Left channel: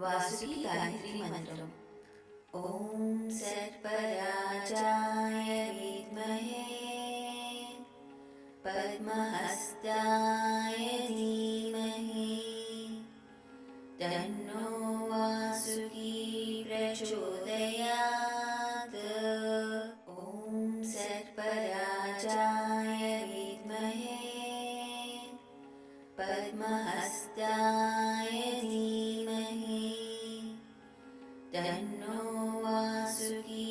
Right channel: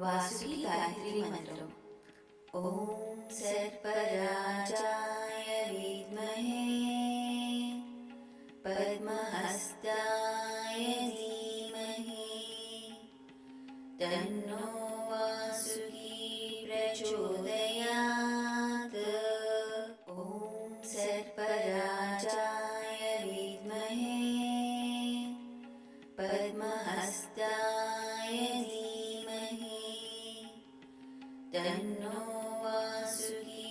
वासुकी गायत्री मंत्र। ओम सर्पराजाय विद्महे पद्महस्ताय धीमहि तन्नो वासुकी प्रचोदयात्। ओम सर्पराजाय विद्महे पद्महस्ताय धीमहि तन्नो वासुकी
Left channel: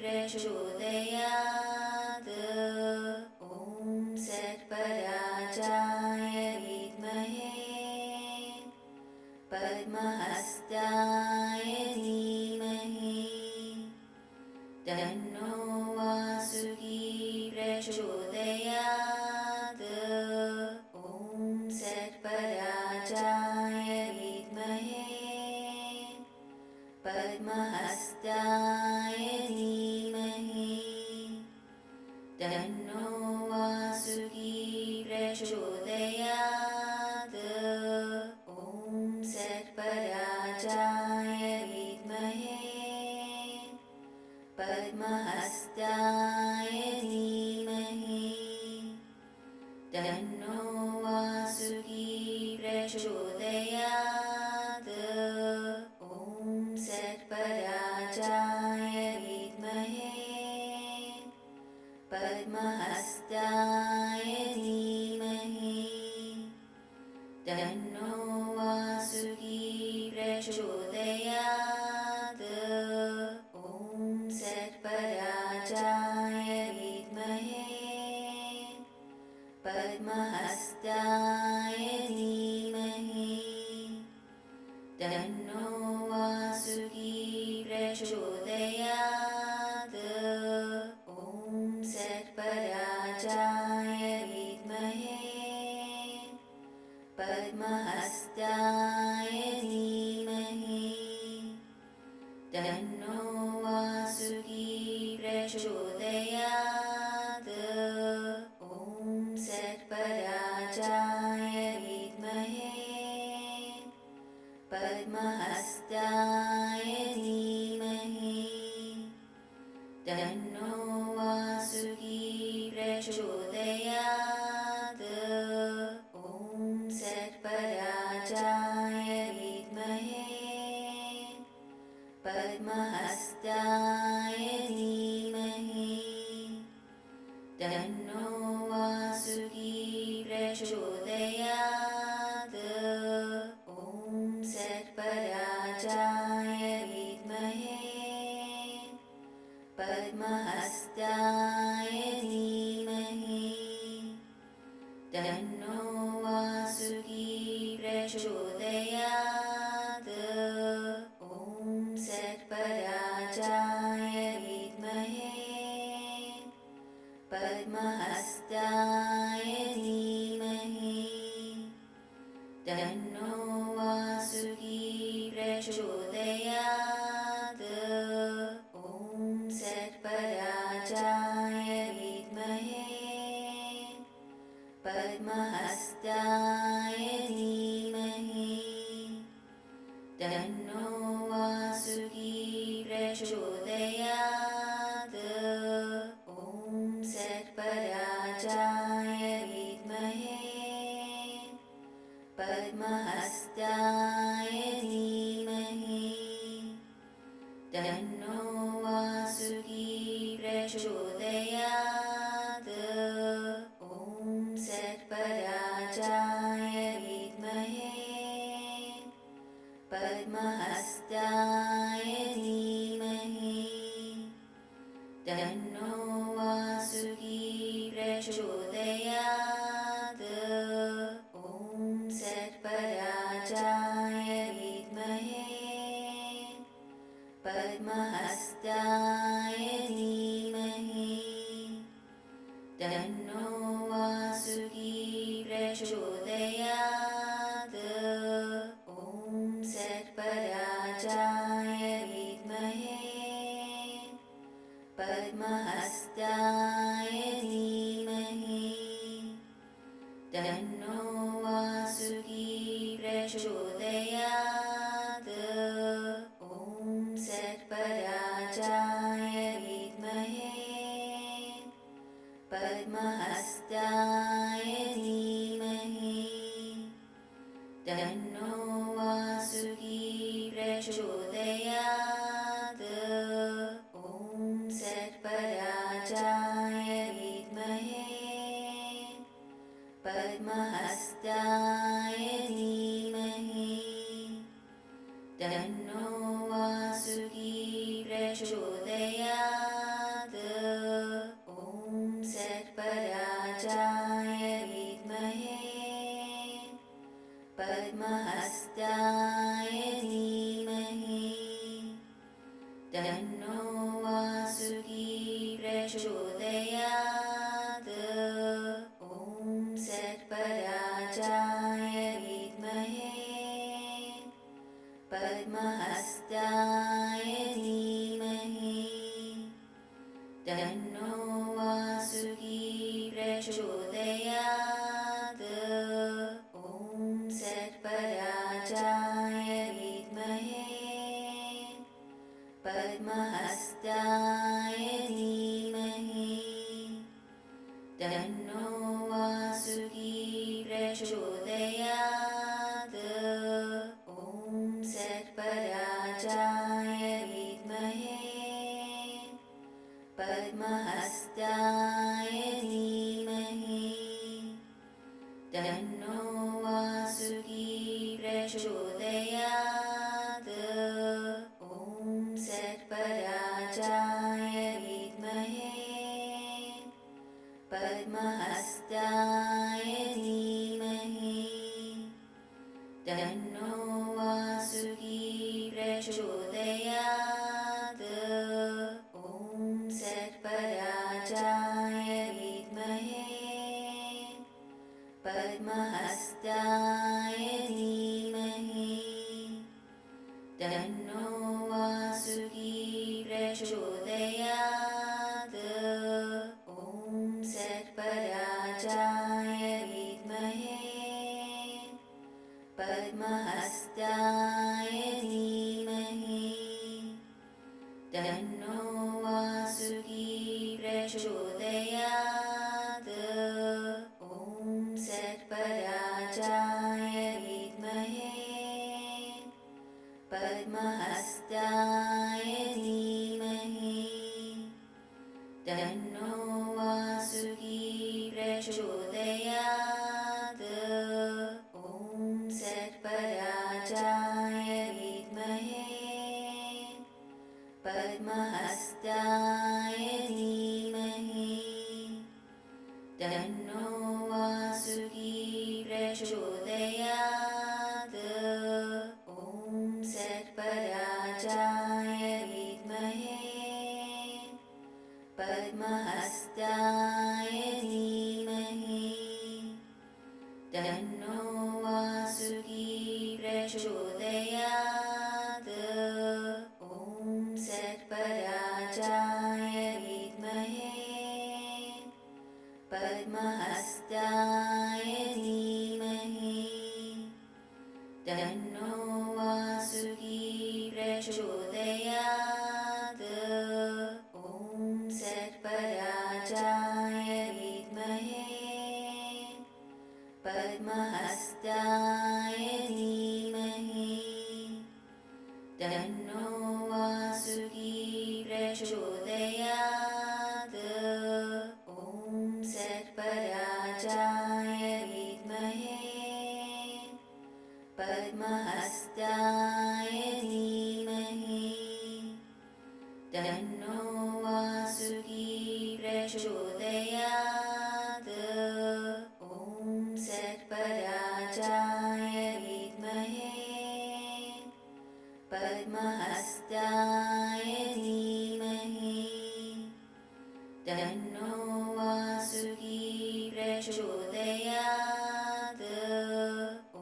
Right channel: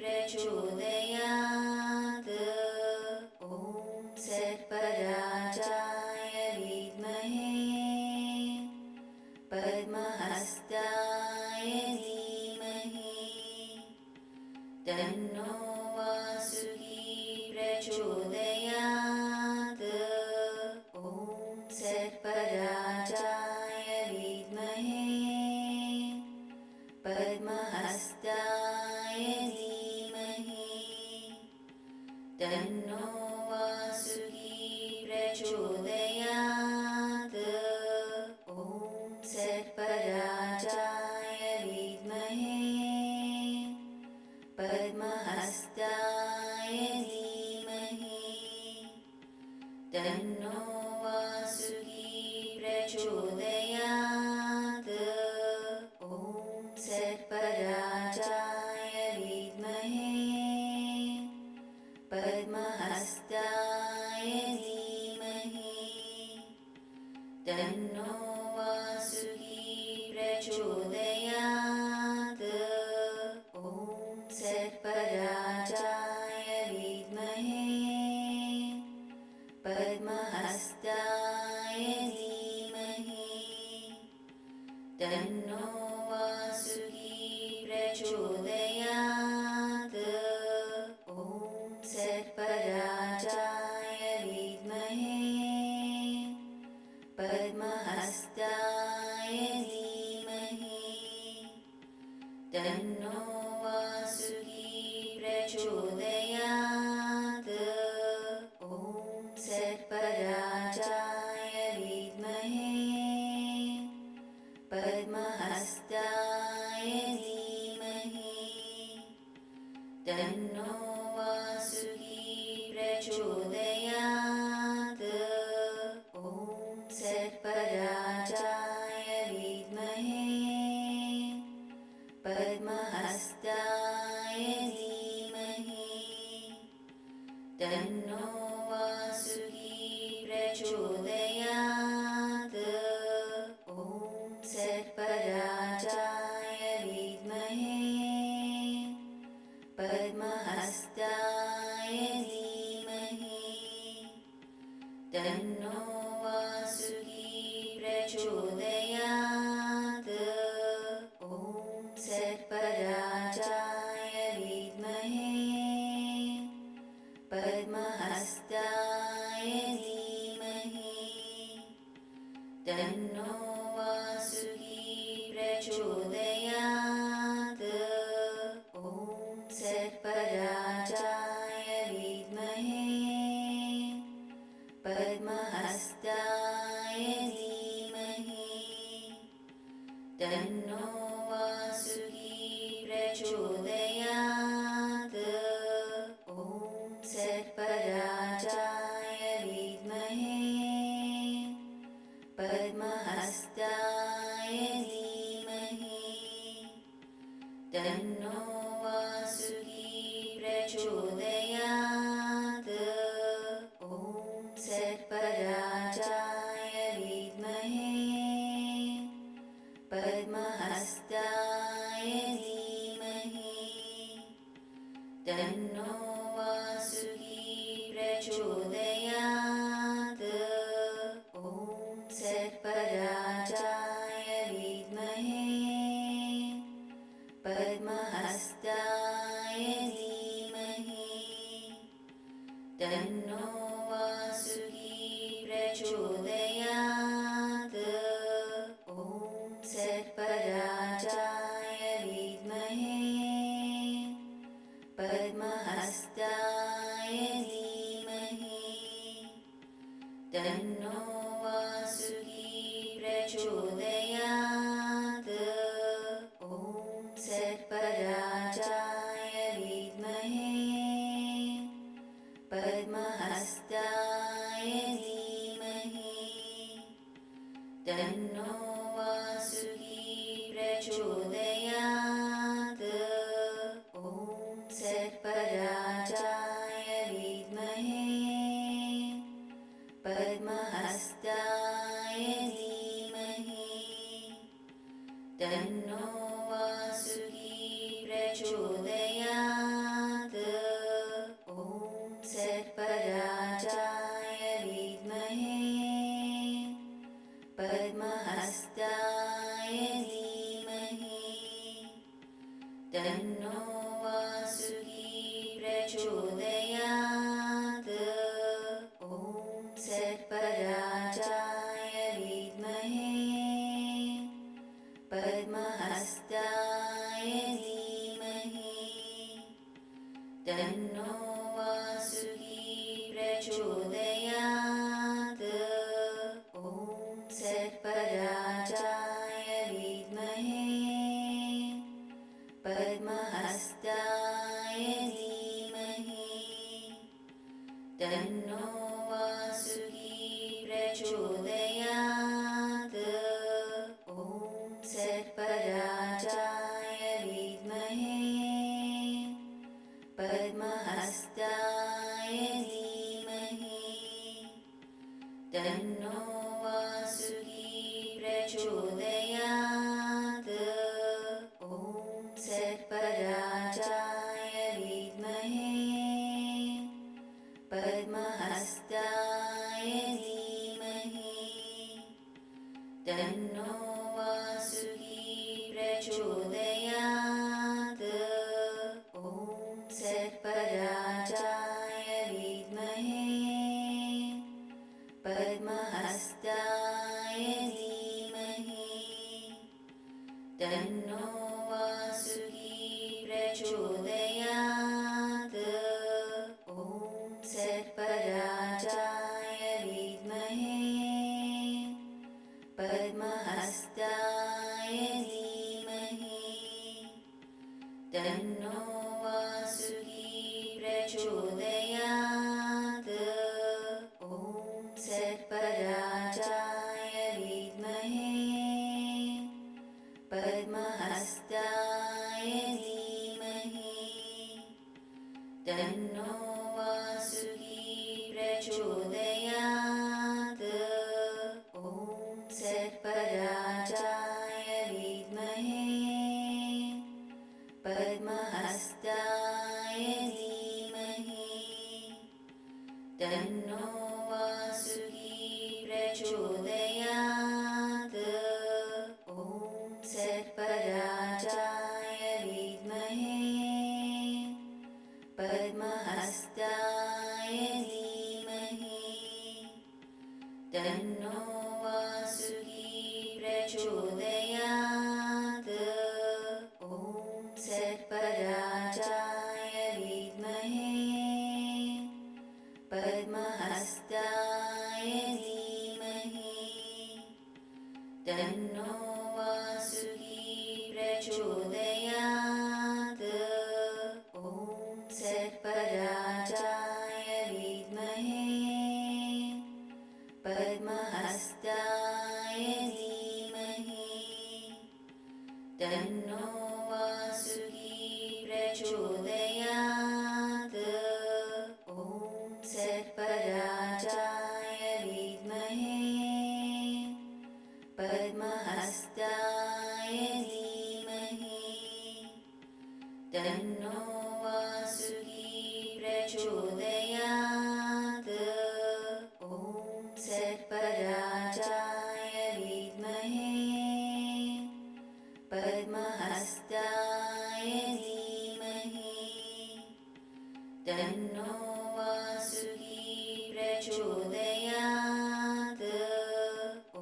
प्रचोदयात्। ओम सर्पराजाय विद्महे पद्महस्ताय धीमहि तन्नो वासुकी प्रचोदयात्। ओम सर्पराजाय विद्महे पद्महस्ताय धीमहि तन्नो वासुकी प्रचोदयात्। ओम सर्पराजाय विद्महे पद्महस्ताय धीमहि तन्नो वासुकी प्रचोदयात्। ओम सर्पराजाय विद्महे पद्महस्ताय धीमहि तन्नो वासुकी प्रचोदयात्। ओम सर्पराजाय विद्महे पद्महस्ताय धीमहि तन्नो वासुकी प्रचोदयात्। ओम सर्पराजाय विद्महे पद्महस्ताय धीमहि तन्नो वासुकी प्रचोदयात्। ओम सर्पराजाय विद्महे पद्महस्ताय धीमहि तन्नो वासुकी प्रचोदयात्। ओम सर्पराजाय विद्महे पद्महस्ताय धीमहि तन्नो वासुकी प्रचोदयात्। ओम सर्पराजाय विद्महे पद्महस्ताय धीमहि तन्नो वासुकी प्रचोदयात्। ओम सर्पराजाय विद्महे पद्महस्ताय धीमहि तन्नो वासुकी प्रचोदयात्। ओम सर्पराजाय विद्महे पद्महस्ताय धीमहि तन्नो वासुकी प्रचोदयात्। ओम सर्पराजाय विद्महे पद्महस्ताय धीमहि तन्नो वासुकी प्रचोदयात्। ओम सर्पराजाय विद्महे पद्महस्ताय धीमहि तन्नो वासुकी प्रचोदयात्। ओम सर्पराजाय विद्महे पद्महस्ताय धीमहि तन्नो वासुकी प्रचोदयात्। ओम सर्पराजाय विद्महे पद्महस्ताय प्रचोदयात्। ॐ सर्पराजाय विद्महे पद्महस्ताय धीमहि तन्नो वासुकी प्रचोदयात्। ॐ सर्पराजाय विद्महे पद्महस्ताय धीमहि तन्नो वासुकी प्रचोदयात्। ॐ सर्पराजाय विद्महे पद्महस्ताय धीमहि तन्नो वासुकी प्रचोदयात्। ॐ सर्पराजाय विद्महे पद्महस्ताय धीमहि तन्नो वासुकी प्रचोदयात्। ॐ सर्पराजाय विद्महे पद्महस्ताय धीमहि तन्नो वासुकी प्रचोदयात्। ॐ सर्पराजाय विद्महे पद्महस्ताय धीमहि तन्नो वासुकी प्रचोदयात्। ॐ सर्पराजाय विद्महे पद्महस्ताय धीमहि तन्नो वासुकी प्रचोदयात्। ॐ सर्पराजाय विद्महे पद्महस्ताय धीमहि तन्नो वासुकी प्रचोदयात्। ॐ सर्पराजाय विद्महे पद्महस्ताय धीमहि तन्नो वासुकी प्रचोदयात्। ॐ सर्पराजाय विद्महे पद्महस्ताय धीमहि तन्नो वासुकी प्रचोदयात्। ॐ सर्पराजाय विद्महे पद्महस्ताय धीमहि तन्नो वासुकी प्रचोदयात्। ॐ सर्पराजाय विद्महे पद्महस्ताय धीमहि तन्नो वासुकी प्रचोदयात्। ॐ सर्पराजाय विद्महे पद्महस्ताय धीमहि तन्नो वासुकी प्रचोदयात्। ॐ सर्पराजाय विद्महे पद्महस्ताय धीमहि तन्नो वासुकी प्रचोदयात्। ॐ सर्पराजाय विद्महे पद्महस्ताय धीमहि तन्नो वासुकी प्रचोदयात्। ॐ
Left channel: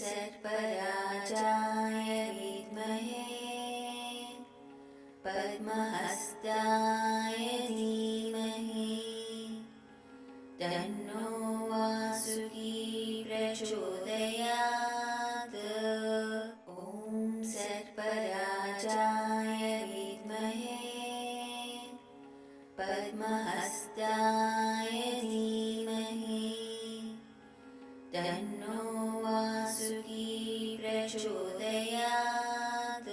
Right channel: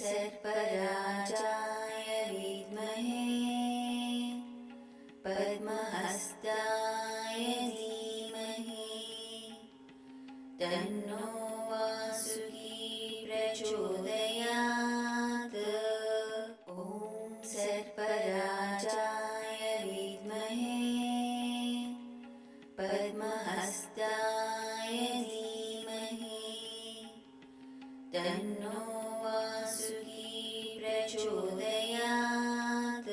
सर्पराजाय विद्महे पद्महस्ताय धीमहि तन्नो वासुकी प्रचोदयात्। ॐ सर्पराजाय विद्महे पद्महस्ताय धीमहि तन्नो वासुकी प्रचोदयात्।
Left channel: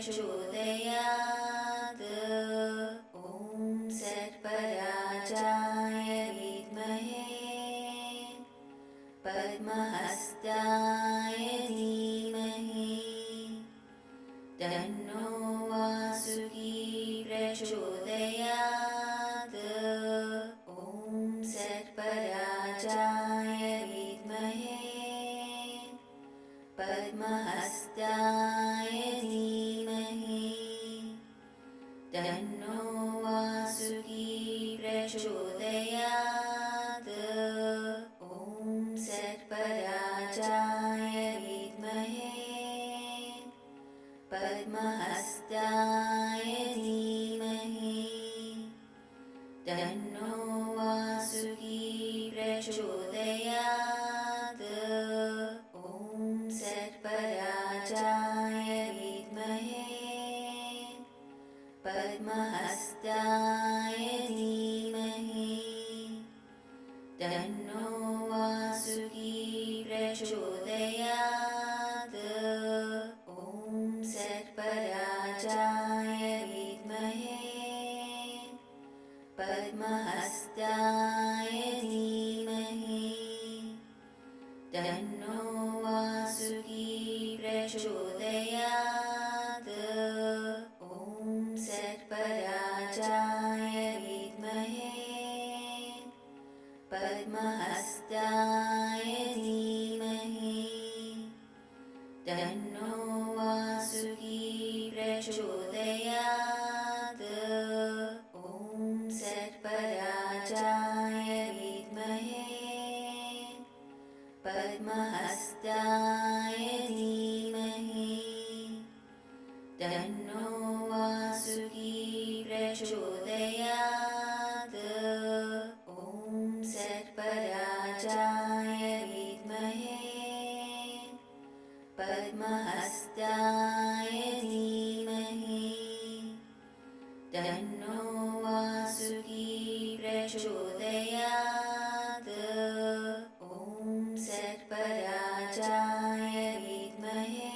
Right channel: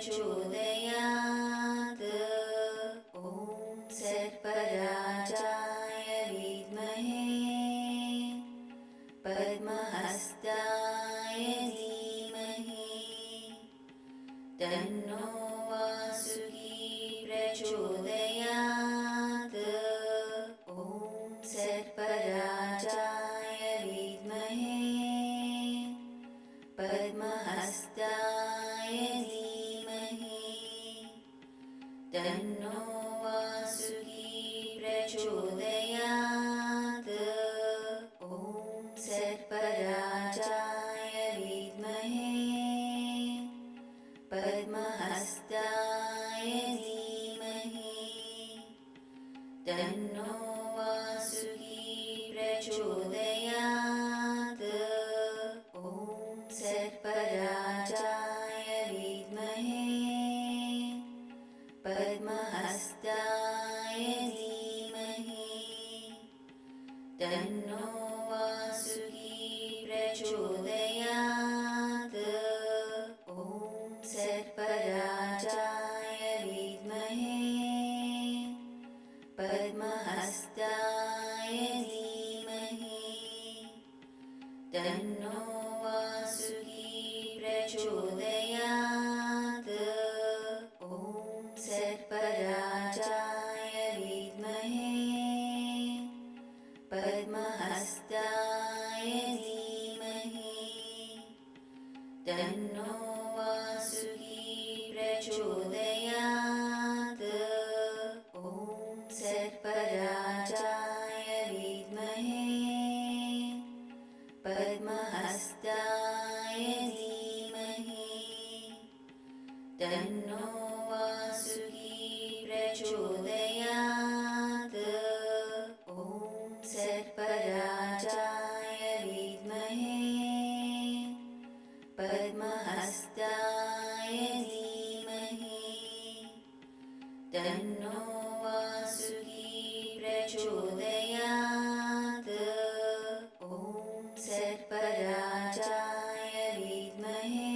प्रचोदयात्। ॐ सर्पराजाय विद्महे पद्महस्ताय धीमहि तन्नो वासुकी प्रचोदयात्। ॐ सर्पराजाय विद्महे पद्महस्ताय धीमहि तन्नो वासुकी प्रचोदयात्। ॐ सर्पराजाय विद्महे पद्महस्ताय धीमहि तन्नो वासुकी प्रचोदयात्। ॐ सर्पराजाय विद्महे पद्महस्ताय धीमहि तन्नो वासुकी प्रचोदयात्। ॐ सर्पराजाय विद्महे पद्महस्ताय धीमहि तन्नो वासुकी प्रचोदयात्। ॐ सर्पराजाय विद्महे पद्महस्ताय धीमहि तन्नो वासुकी प्रचोदयात्। ॐ सर्पराजाय विद्महे पद्महस्ताय धीमहि तन्नो वासुकी प्रचोदयात्। ॐ सर्पराजाय विद्महे पद्महस्ताय धीमहि तन्नो वासुकी प्रचोदयात्। ॐ सर्पराजाय विद्महे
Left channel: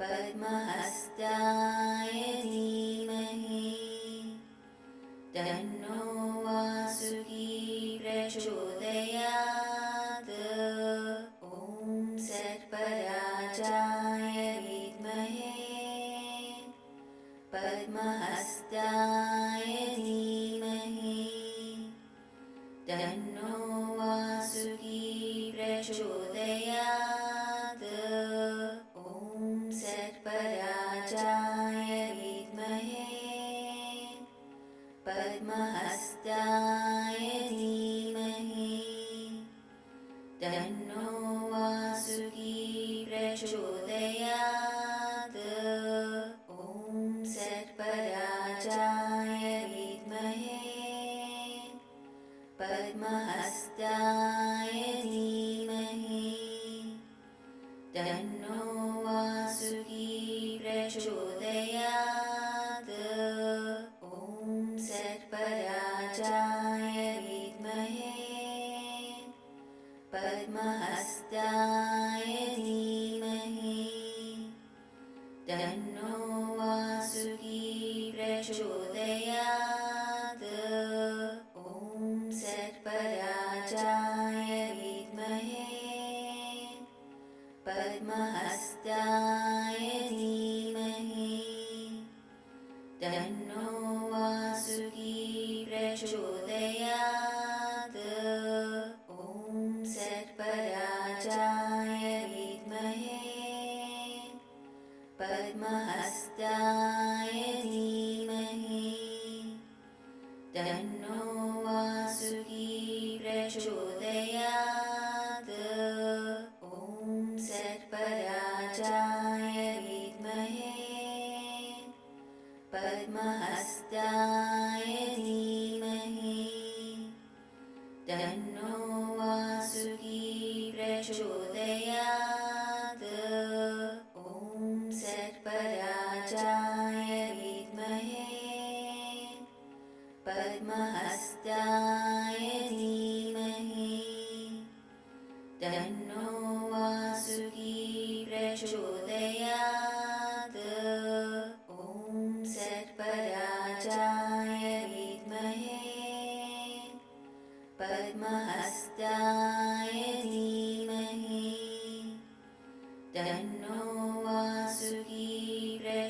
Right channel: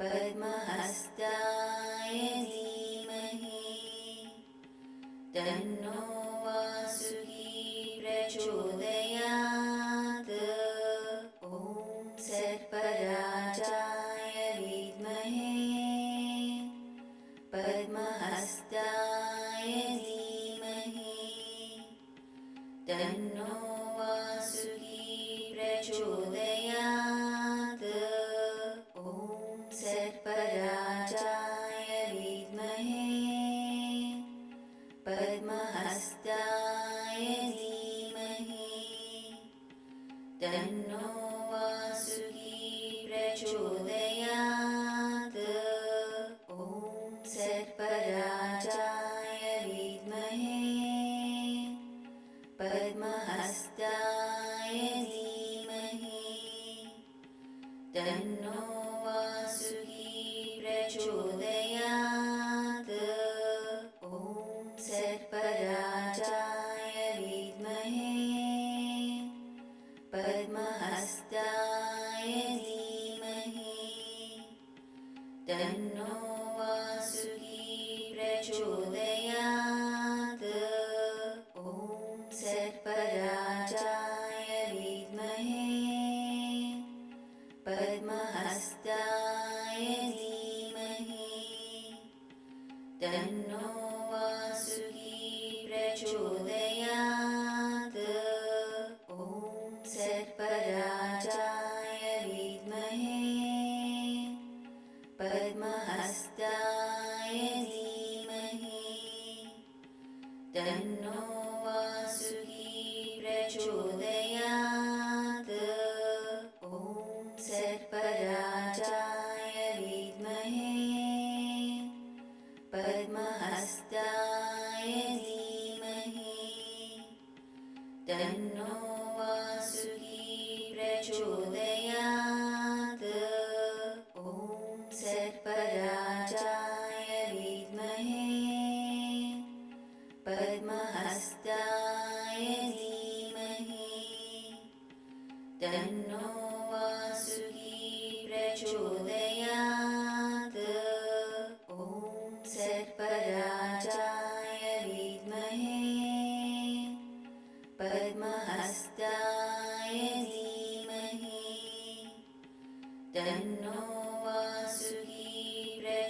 पद्महस्ताय धीमहि तन्नो वासुकी प्रचोदयात्। ॐ सर्पराजाय विद्महे पद्महस्ताय धीमहि तन्नो वासुकी प्रचोदयात्। ॐ सर्पराजाय विद्महे पद्महस्ताय धीमहि तन्नो वासुकी प्रचोदयात्। ॐ सर्पराजाय विद्महे पद्महस्ताय धीमहि तन्नो वासुकी प्रचोदयात्। ॐ सर्पराजाय विद्महे पद्महस्ताय धीमहि तन्नो वासुकी प्रचोदयात्। ॐ सर्पराजाय विद्महे पद्महस्ताय धीमहि तन्नो वासुकी प्रचोदयात्। ॐ सर्पराजाय विद्महे पद्महस्ताय धीमहि तन्नो वासुकी प्रचोदयात्। ॐ सर्पराजाय विद्महे पद्महस्ताय धीमहि तन्नो वासुकी प्रचोदयात्। ॐ सर्पराजाय विद्महे पद्महस्ताय धीमहि तन्नो वासुकी प्रचोदयात्।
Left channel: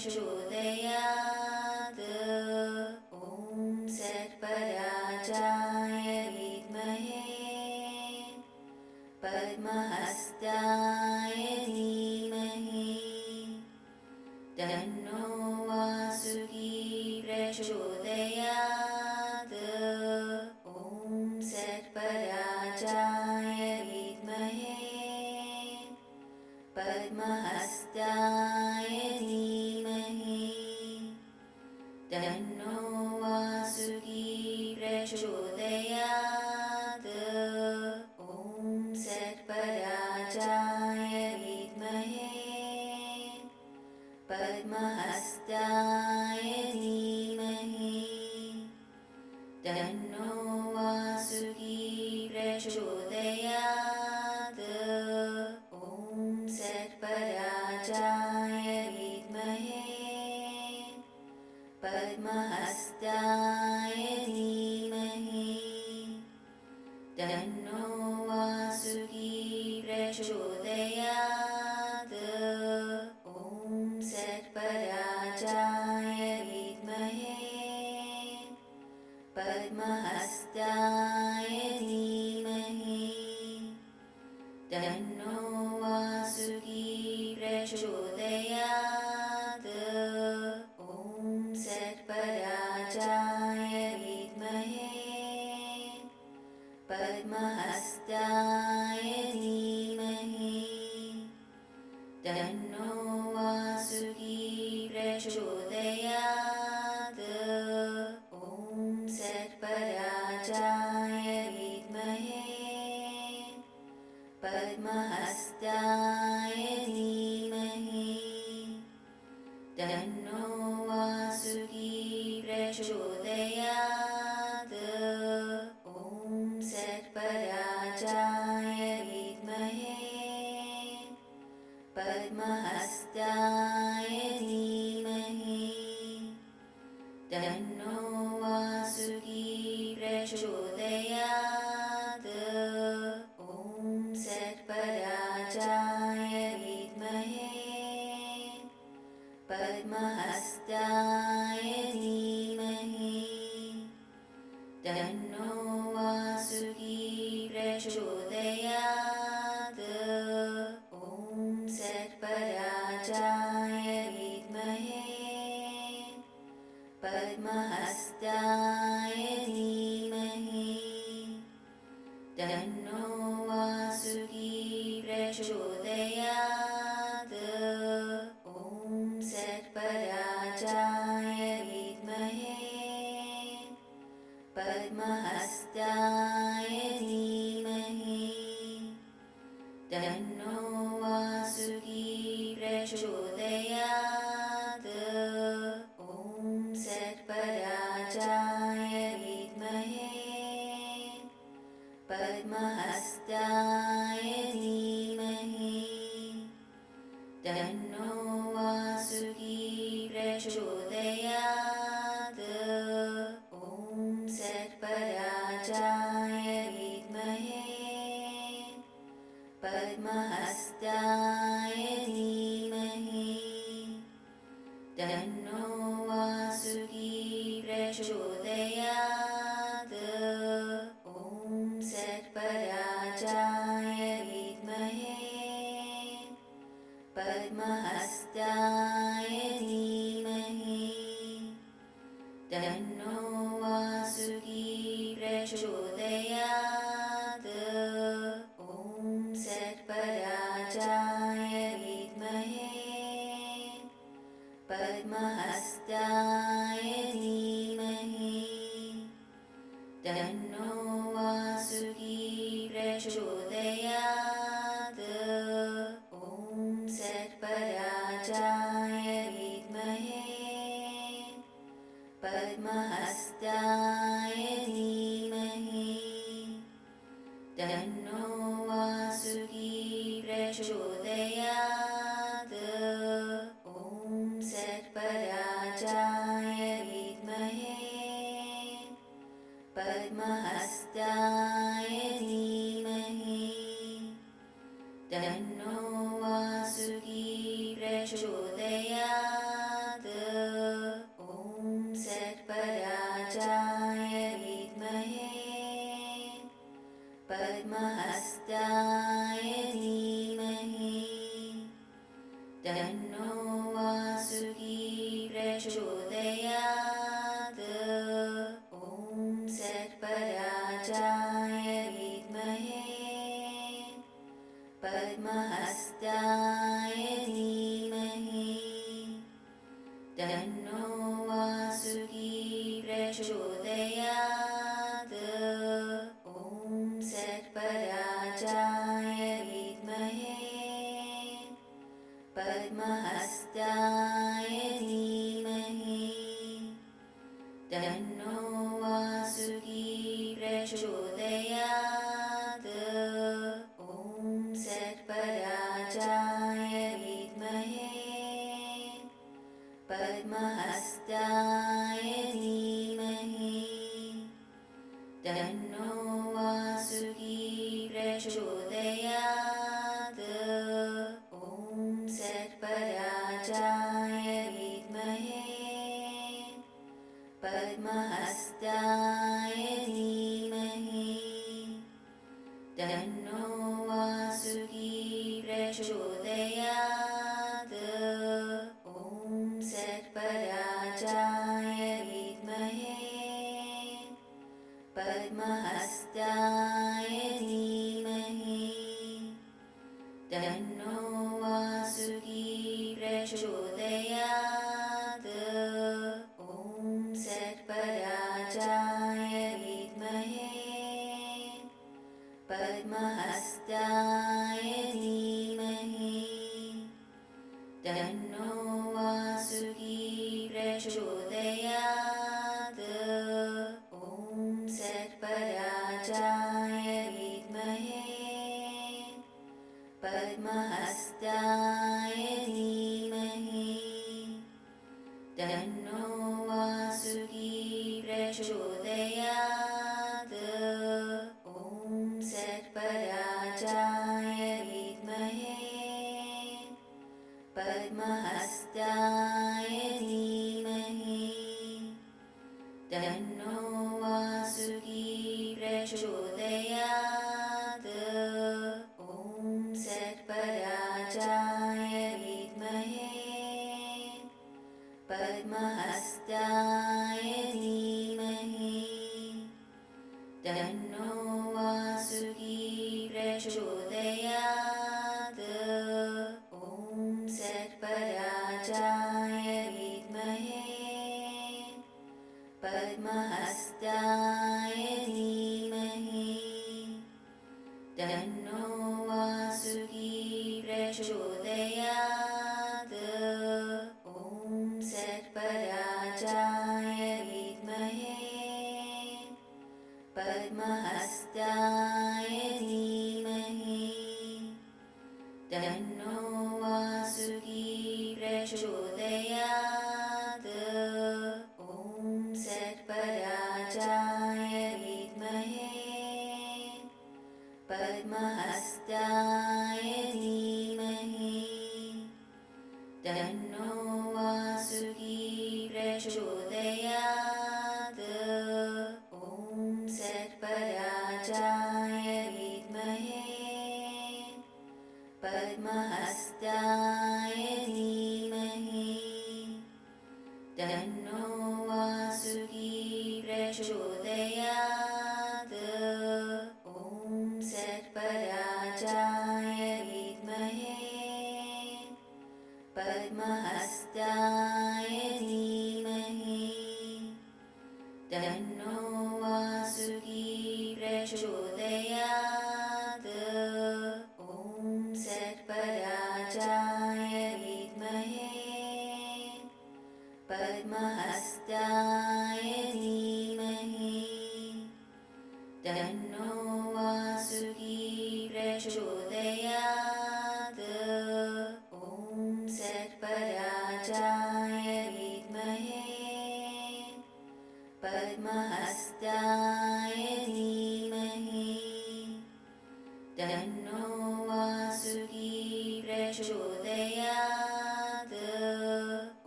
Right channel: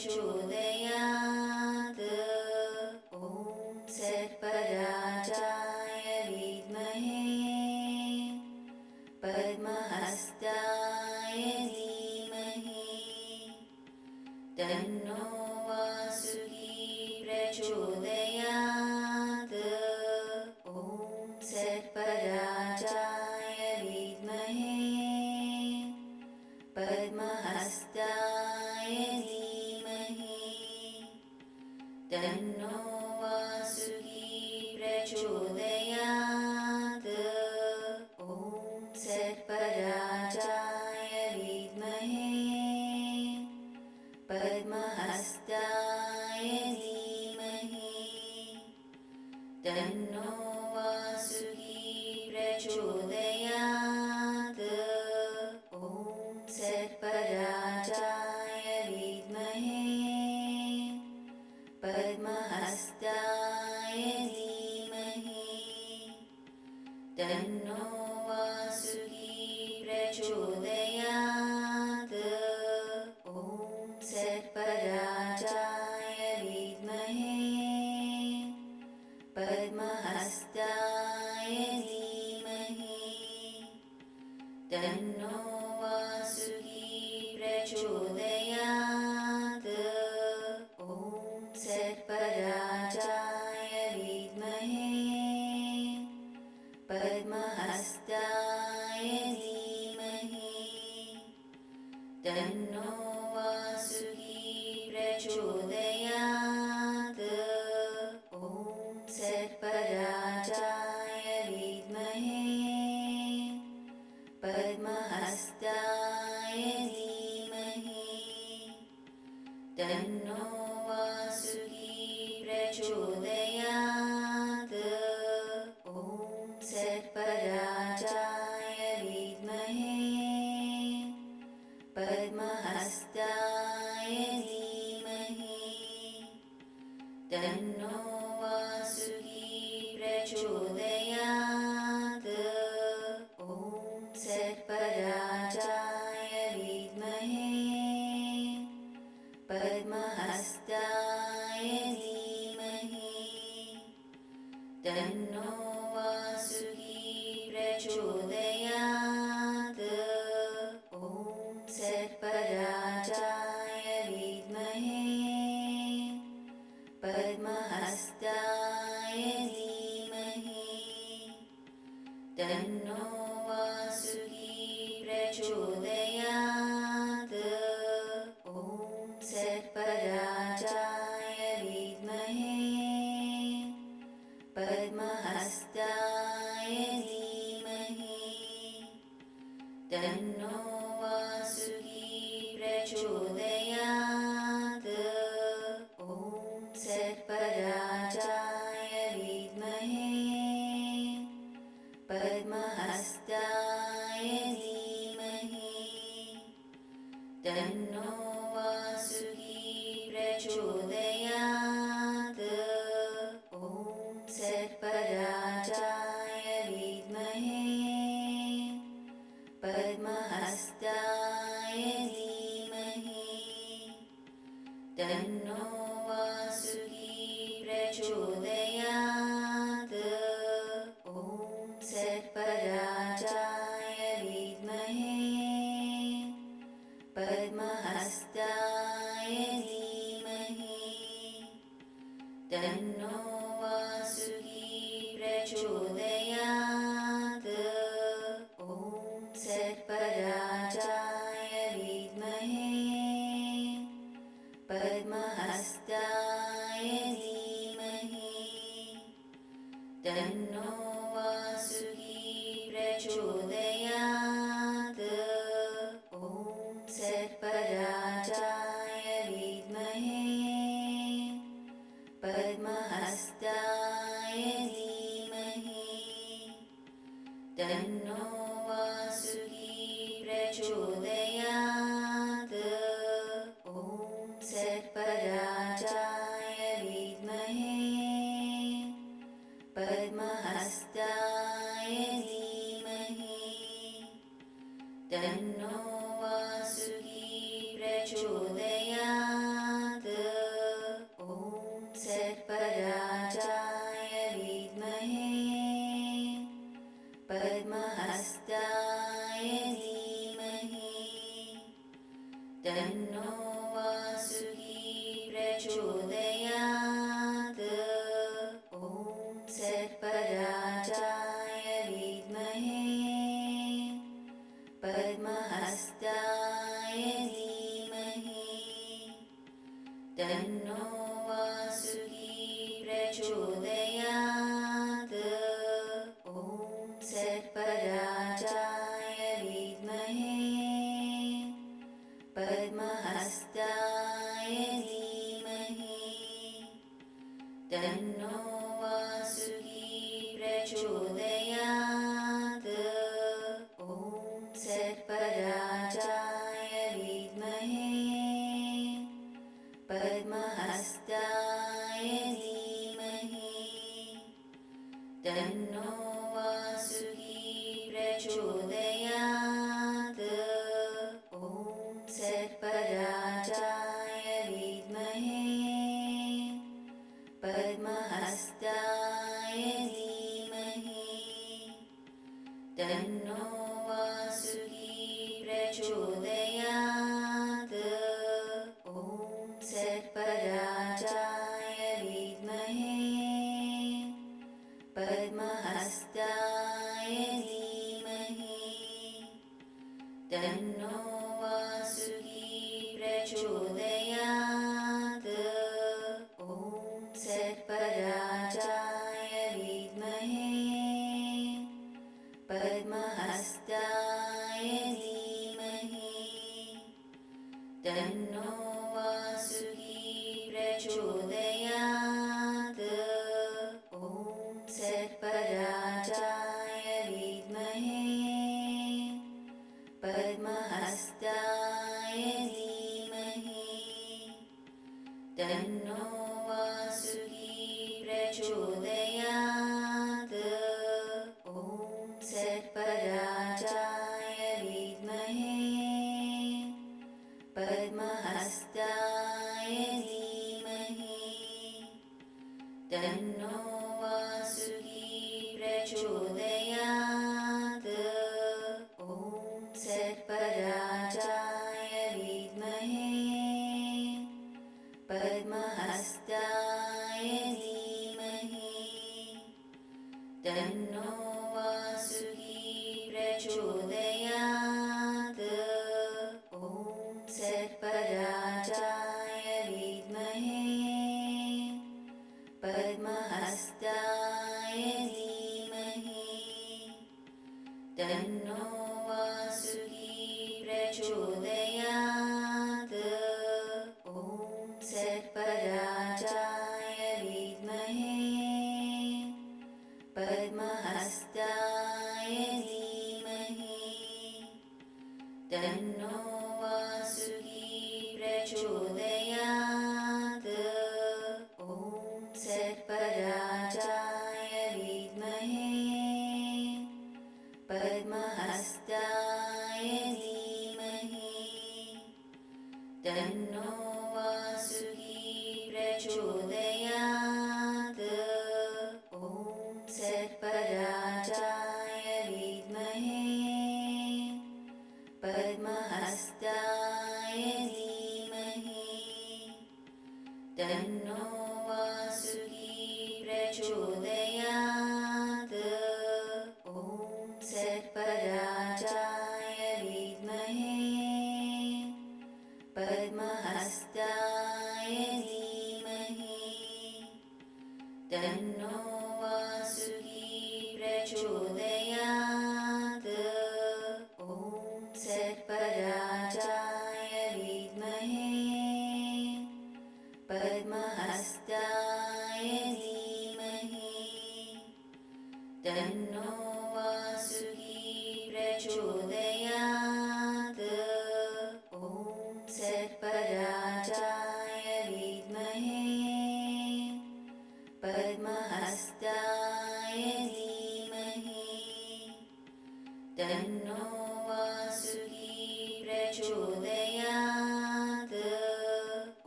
प्रचोदयात्। ॐ सर्पराजाय विद्महे पद्महस्ताय धीमहि तन्नो वासुकी प्रचोदयात्। ॐ सर्पराजाय विद्महे पद्महस्ताय धीमहि तन्नो वासुकी प्रचोदयात्। ॐ सर्पराजाय विद्महे पद्महस्ताय धीमहि तन्नो वासुकी प्रचोदयात्। ॐ सर्पराजाय विद्महे पद्महस्ताय धीमहि तन्नो वासुकी प्रचोदयात्। ॐ सर्पराजाय विद्महे पद्महस्ताय धीमहि तन्नो वासुकी प्रचोदयात्। ॐ सर्पराजाय विद्महे पद्महस्ताय धीमहि तन्नो वासुकी प्रचोदयात्। ॐ सर्पराजाय विद्महे पद्महस्ताय धीमहि तन्नो वासुकी प्रचोदयात्। ॐ सर्पराजाय विद्महे पद्महस्ताय धीमहि तन्नो वासुकी प्रचोदयात्। ॐ सर्पराजाय विद्महे पद्महस्ताय धीमहि तन्नो वासुकी प्रचोदयात्। ॐ सर्पराजाय विद्महे पद्महस्ताय धीमहि तन्नो वासुकी प्रचोदयात्। ॐ सर्पराजाय विद्महे पद्महस्ताय धीमहि तन्नो वासुकी प्रचोदयात्। ॐ सर्पराजाय विद्महे पद्महस्ताय धीमहि तन्नो वासुकी प्रचोदयात्। ॐ सर्पराजाय विद्महे पद्महस्ताय धीमहि तन्नो वासुकी प्रचोदयात्। ॐ सर्पराजाय विद्महे पद्महस्ताय धीमहि तन्नो वासुकी प्रचोदयात्। ॐ सर्पराजाय विद्महे पद्महस्ताय धीमहि तन्नो वासुकी प्रचोदयात्। ॐ सर्पराजाय विद्महे पद्महस्ताय धीमहि तन्नो वासुकी प्रचोदयात्। ॐ सर्पराजाय विद्महे पद्महस्ताय धीमहि तन्नो वासुकी प्रचोदयात्। प्रचोदयात्। ॐ सर्पराजाय विद्महे पद्महस्ताय धीमहि तन्नो वासुकी प्रचोदयात्। ॐ सर्पराजाय विद्महे पद्महस्ताय धीमहि तन्नो वासुकी प्रचोदयात्। ॐ सर्पराजाय विद्महे पद्महस्ताय धीमहि तन्नो वासुकी प्रचोदयात्। ॐ सर्पराजाय विद्महे पद्महस्ताय धीमहि तन्नो वासुकी प्रचोदयात्। ॐ सर्पराजाय विद्महे पद्महस्ताय धीमहि तन्नो वासुकी प्रचोदयात्। ॐ सर्पराजाय विद्महे पद्महस्ताय धीमहि तन्नो वासुकी प्रचोदयात्। ॐ सर्पराजाय विद्महे पद्महस्ताय धीमहि तन्नो वासुकी प्रचोदयात्। ॐ सर्पराजाय विद्महे पद्महस्ताय धीमहि तन्नो वासुकी प्रचोदयात्। ॐ सर्पराजाय विद्महे पद्महस्ताय धीमहि तन्नो वासुकी प्रचोदयात्। ॐ सर्पराजाय विद्महे पद्महस्ताय धीमहि तन्नो वासुकी प्रचोदयात्। ॐ सर्पराजाय विद्महे पद्महस्ताय धीमहि तन्नो वासुकी प्रचोदयात्। ॐ सर्पराजाय विद्महे पद्महस्ताय धीमहि तन्नो वासुकी प्रचोदयात्। ॐ सर्पराजाय विद्महे पद्महस्ताय धीमहि तन्नो वासुकी प्रचोदयात्। ॐ सर्पराजाय विद्महे पद्महस्ताय धीमहि तन्नो वासुकी प्रचोदयात्। ॐ सर्पराजाय विद्महे पद्महस्ताय धीमहि तन्नो वासुकी प्रचोदयात्। ॐ सर्पराजाय विद्महे पद्महस्ताय धीमहि तन्नो वासुकी प्रचोदयात्।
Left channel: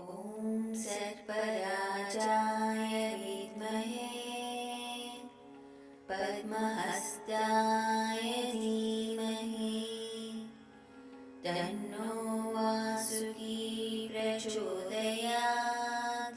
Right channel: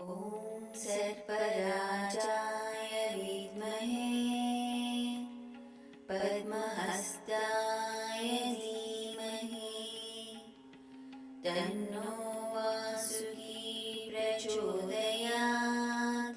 ॐ सर्पराजाय विद्महे पद्महस्ताय धीमहि तन्नो वासुकी प्रचोदयात्।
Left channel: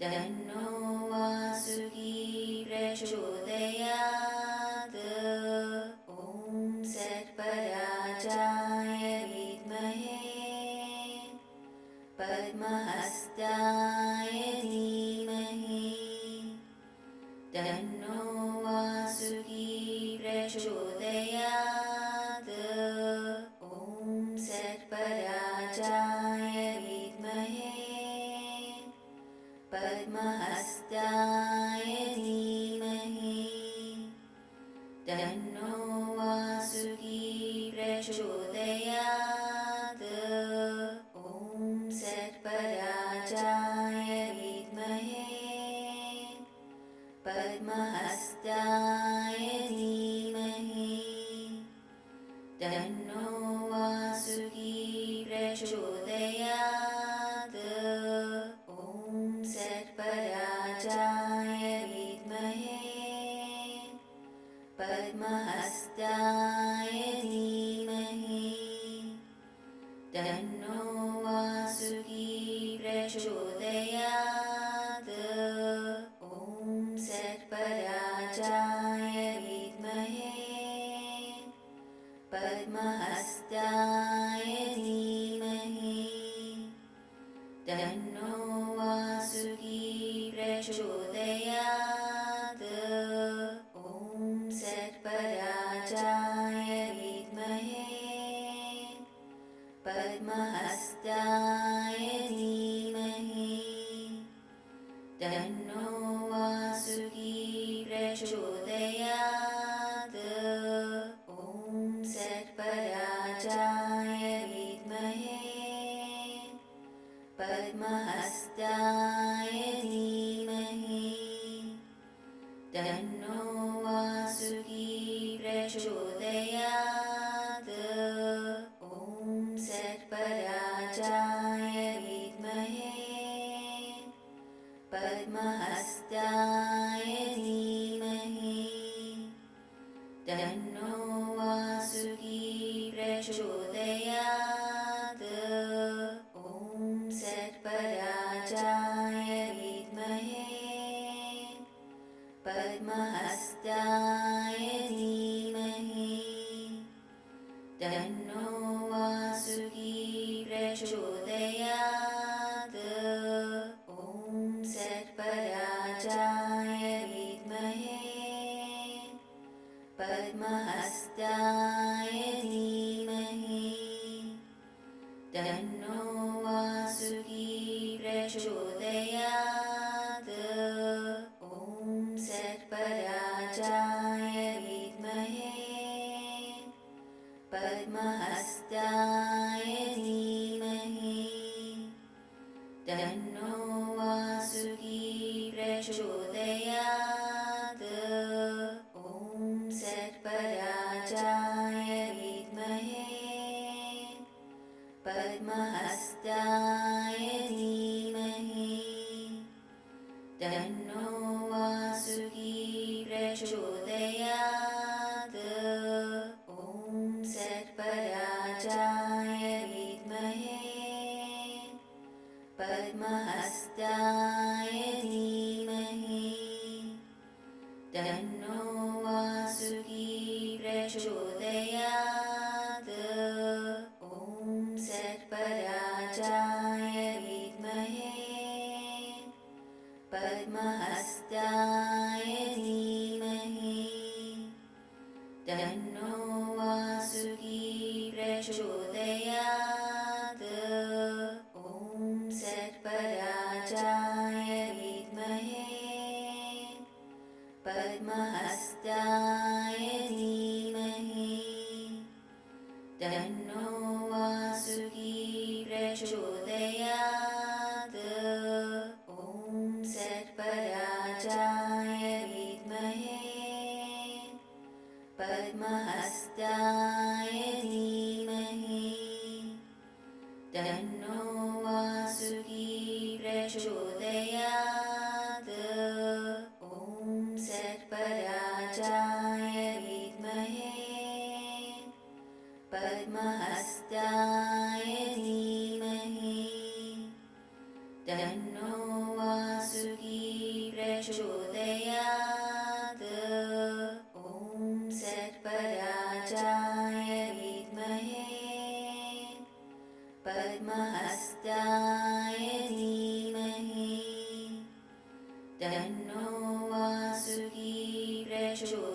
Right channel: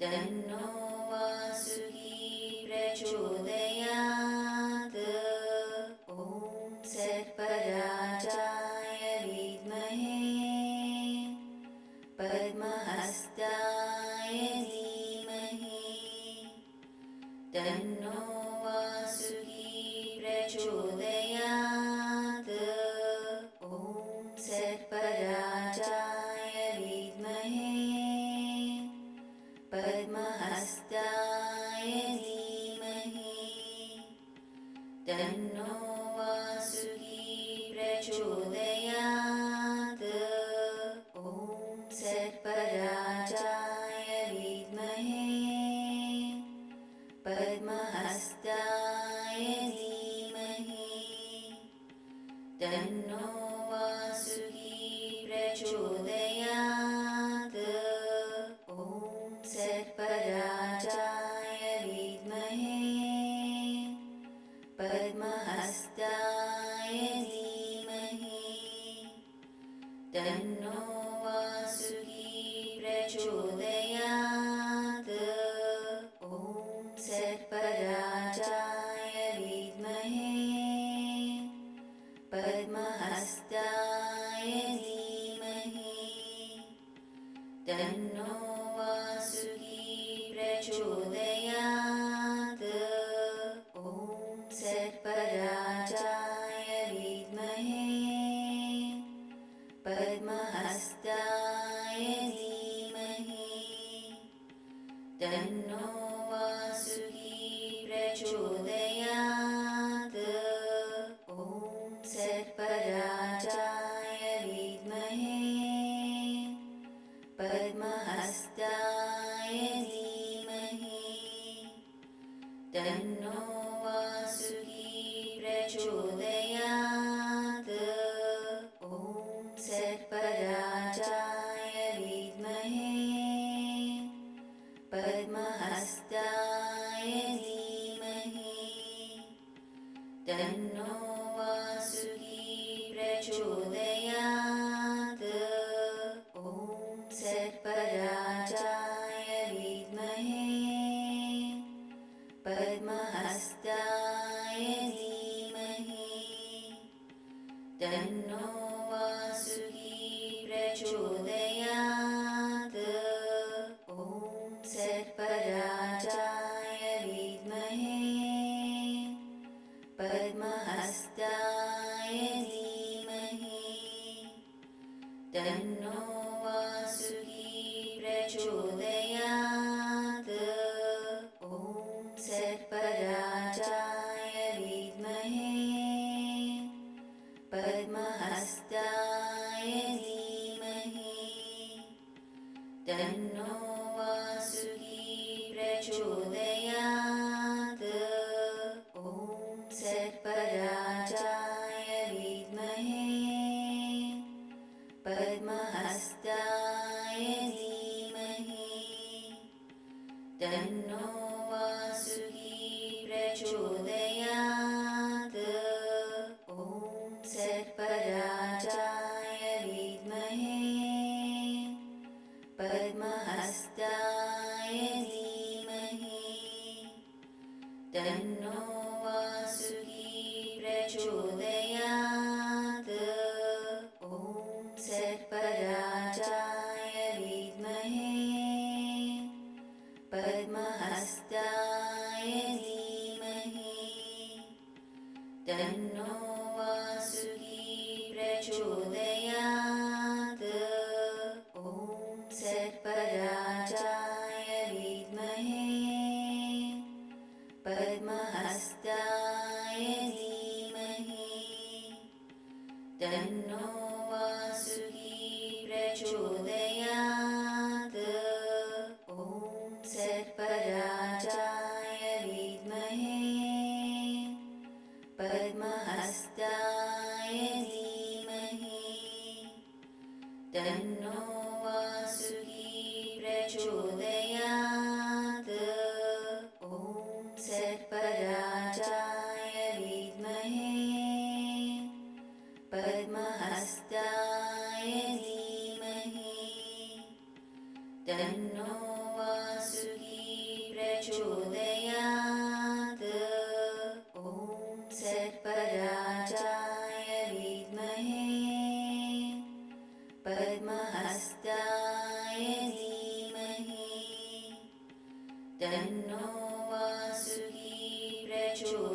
तन्नो वासुकी प्रचोदयात्। ॐ सर्पराजाय विद्महे पद्महस्ताय धीमहि तन्नो वासुकी प्रचोदयात्। ॐ सर्पराजाय विद्महे पद्महस्ताय धीमहि तन्नो वासुकी प्रचोदयात्। ॐ सर्पराजाय विद्महे पद्महस्ताय धीमहि तन्नो वासुकी प्रचोदयात्। ॐ सर्पराजाय विद्महे पद्महस्ताय धीमहि तन्नो वासुकी प्रचोदयात्। ॐ सर्पराजाय विद्महे पद्महस्ताय धीमहि तन्नो वासुकी प्रचोदयात्। ॐ सर्पराजाय विद्महे पद्महस्ताय धीमहि तन्नो वासुकी प्रचोदयात्। ॐ सर्पराजाय विद्महे पद्महस्ताय धीमहि तन्नो वासुकी प्रचोदयात्। ॐ सर्पराजाय विद्महे पद्महस्ताय धीमहि तन्नो वासुकी प्रचोदयात्। ॐ सर्पराजाय विद्महे पद्महस्ताय धीमहि तन्नो वासुकी प्रचोदयात्। ॐ सर्पराजाय विद्महे पद्महस्ताय धीमहि तन्नो वासुकी प्रचोदयात्। ॐ सर्पराजाय विद्महे पद्महस्ताय धीमहि तन्नो वासुकी प्रचोदयात्। ॐ सर्पराजाय विद्महे पद्महस्ताय धीमहि तन्नो वासुकी प्रचोदयात्। ॐ सर्पराजाय विद्महे पद्महस्ताय धीमहि तन्नो वासुकी प्रचोदयात्। ॐ सर्पराजाय विद्महे पद्महस्ताय धीमहि तन्नो वासुकी प्रचोदयात्। ॐ सर्पराजाय विद्महे पद्महस्ताय धीमहि तन्नो वासुकी प्रचोदयात्। ॐ सर्पराजाय विद्महे पद्महस्ताय धीमहि तन्नो वासुकी प्रचोदयात्। ॐ सर्पराजाय तन्नो वासुकी प्रचोदयात्।